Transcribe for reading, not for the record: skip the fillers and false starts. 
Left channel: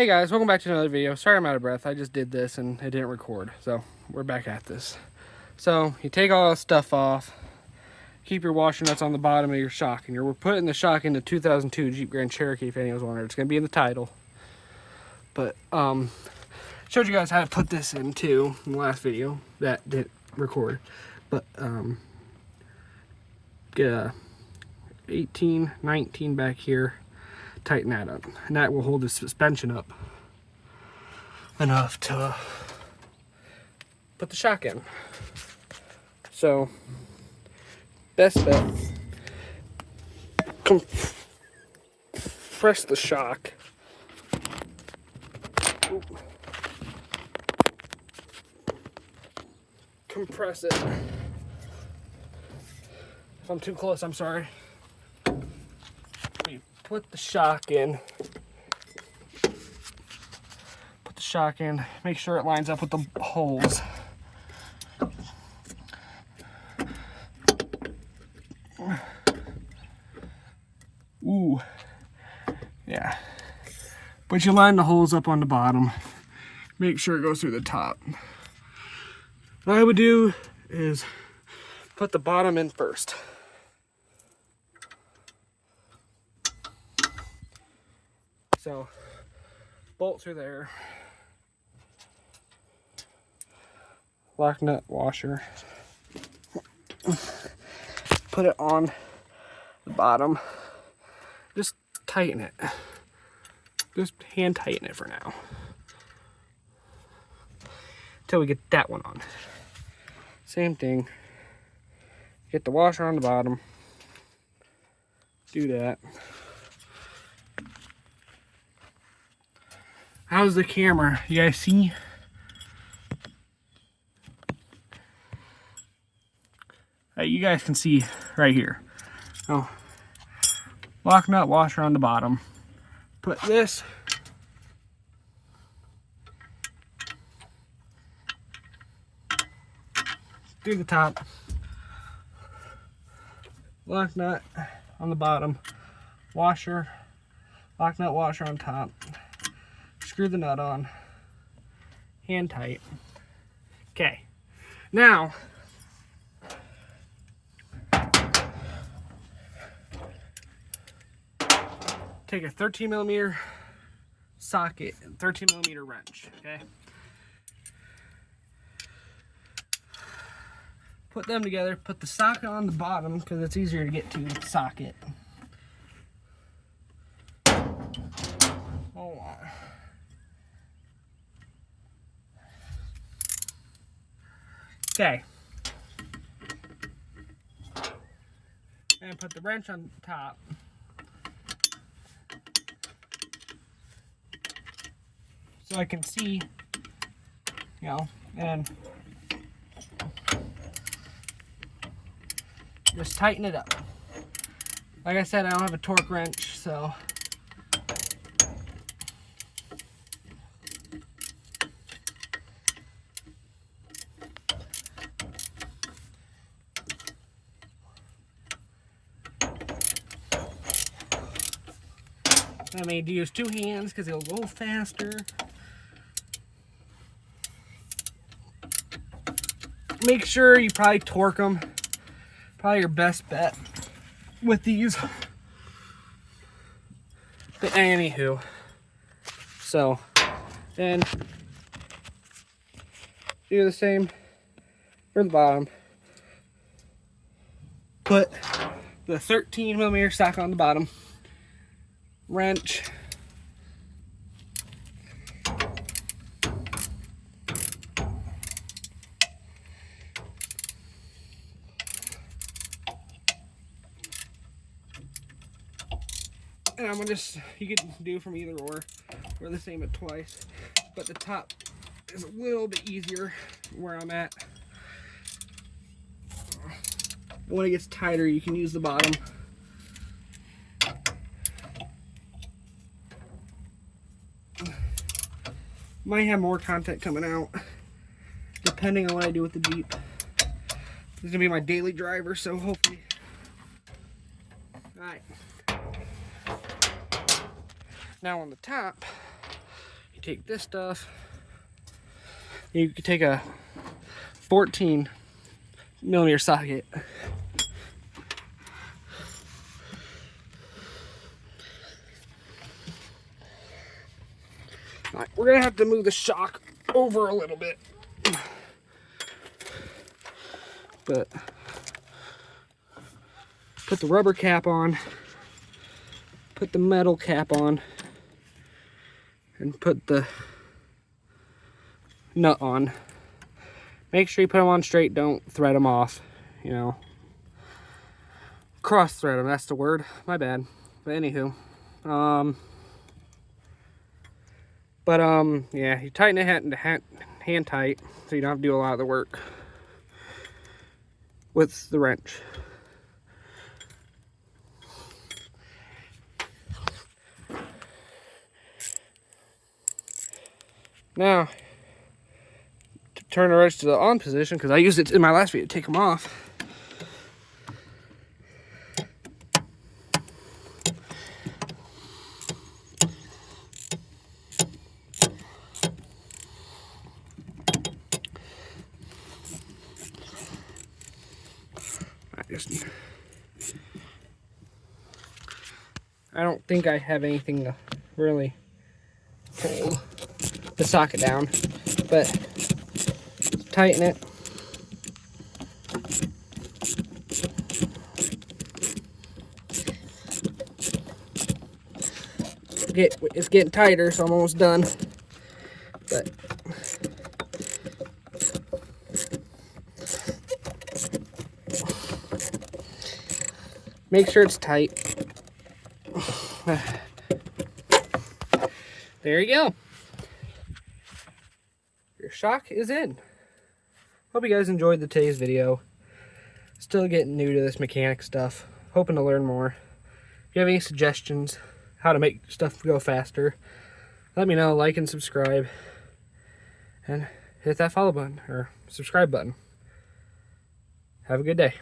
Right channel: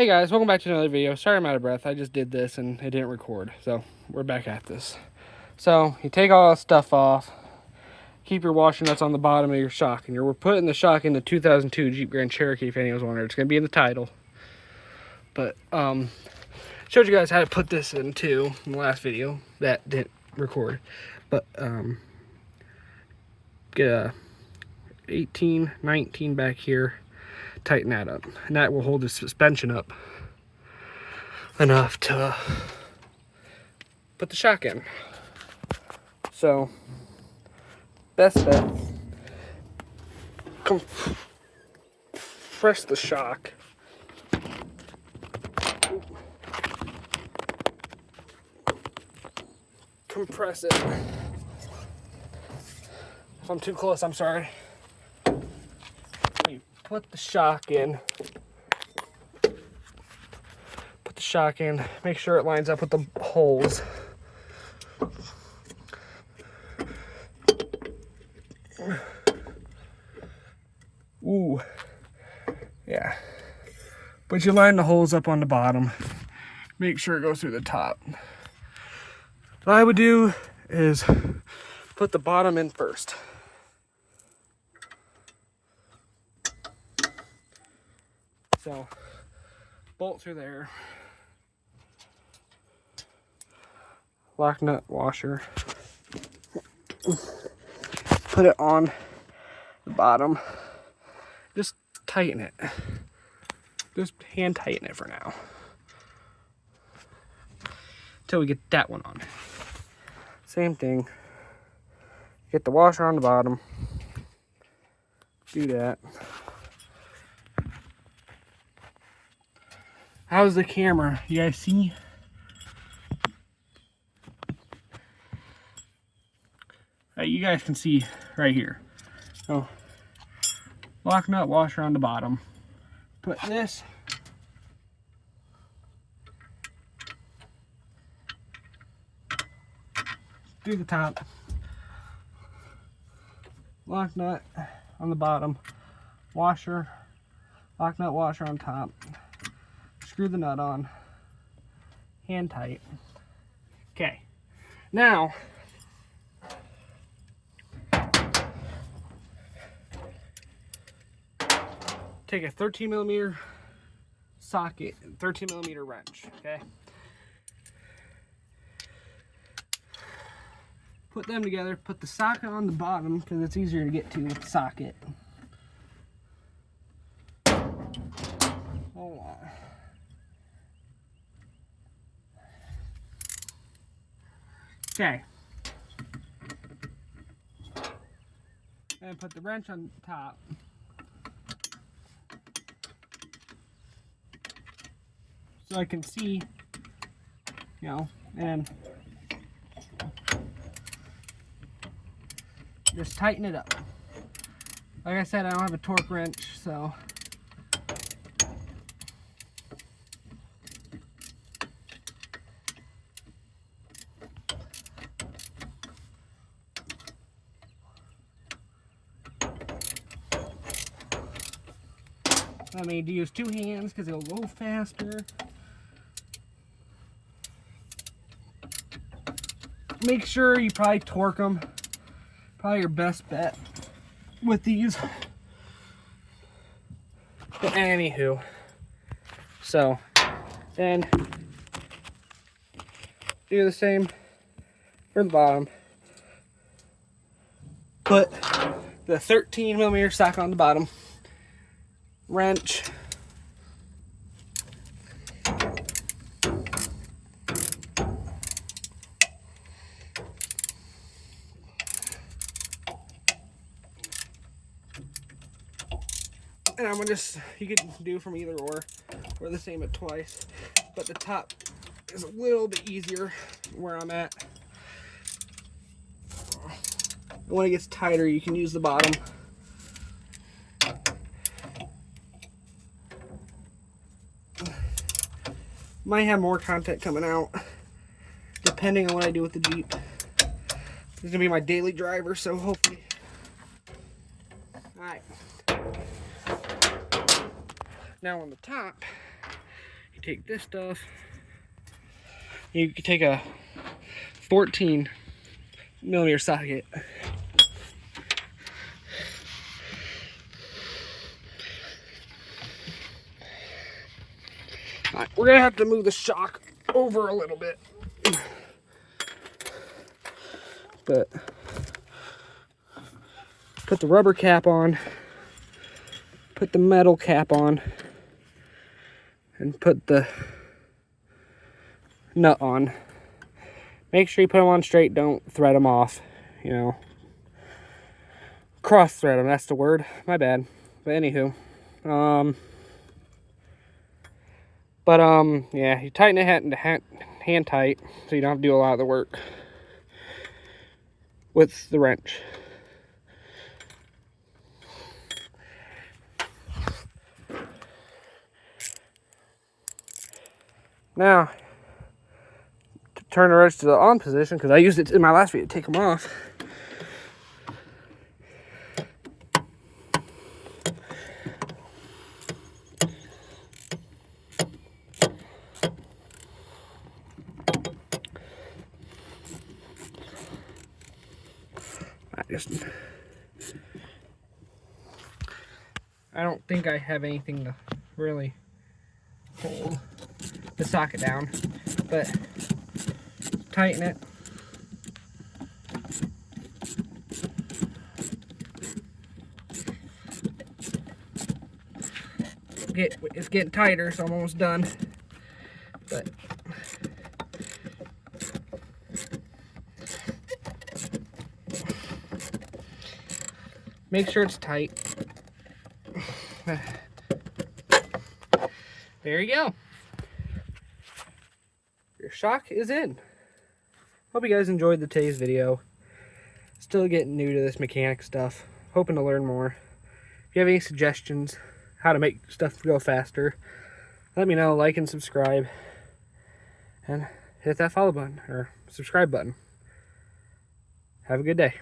Hey guys, welcome back to another video. Sorry I'm out of breath. I just did this and it didn't record. So we're back at this. So you take all that stuff off. Keep your washer nuts on the bottom of your shock. And we're putting the shock in the 2002 Jeep Grand Cherokee if anyone's wondering. It's going to be in the title. But showed you guys how to put this in too in the last video. That didn't record. But get a 18, 19 back here. Tighten that up, and that will hold the suspension up enough to put the shock in. So best bet, compress the shock. Compress it. If I'm too close, I'm sorry. Put the shock in. Put the shock in. Make sure it lines up with the holes. Ooh. Yeah. But you line the holes up on the bottom. Make sure it goes through the top. What I would do is put the bottom in first. So, bolt through there, lock nut washer, put it on the bottom, just tighten it, just hand tighten it for now, until we get that one on. Same thing, get the washer on the bottom, do that. How's the camera? You guys see? You guys can see right here. So, lock nut washer on the bottom. Put this through the top. Lock nut on the bottom. Washer. Lock nut washer on top. Screw the nut on, hand tight. Okay, now take a 13mm socket and 13mm wrench. Okay, put them together. Put the socket on the bottom because it's easier to get to with the socket. Hold on. Okay, and put the wrench on top. So I can see, and just tighten it up. Like I said, I don't have a torque wrench, so I made to use two hands because it'll go faster. Make sure you probably torque them. Probably your best bet with these. But anywho, so then do the same for the bottom. Put the 13mm socket on the bottom. Wrench, and I'm gonna you can do from either or the same at twice, but the top is a little bit easier where I'm at. When it gets tighter, you can use the bottom. Might have more content coming out depending on what I do with the Jeep. This is gonna be my daily driver, so hopefully. Alright. Now on the top, You take this stuff. You can take a 14mm socket. All right, we're gonna have to move the shock over a little bit, but put the rubber cap on, put the metal cap on, and put the nut on. Make sure you put them on straight, don't thread them off, you know. Cross thread them, that's the word, my bad. But anywho, yeah, you tighten it hand tight so you don't have to do a lot of the work with the wrench. Now, to turn the wrench to the on position, because I used it in my last video to take them off. I don't think I have anything to really hold the socket down, but tighten it. It's getting tighter, so I'm almost done. But make sure it's tight. There you go. Your shock is in. Hope you guys enjoyed today's video. Still getting new to this mechanic stuff. Hoping to learn more. If you have any suggestions how to make stuff go faster, let me know. Like and subscribe. And hit that follow button or subscribe button. Have a good day.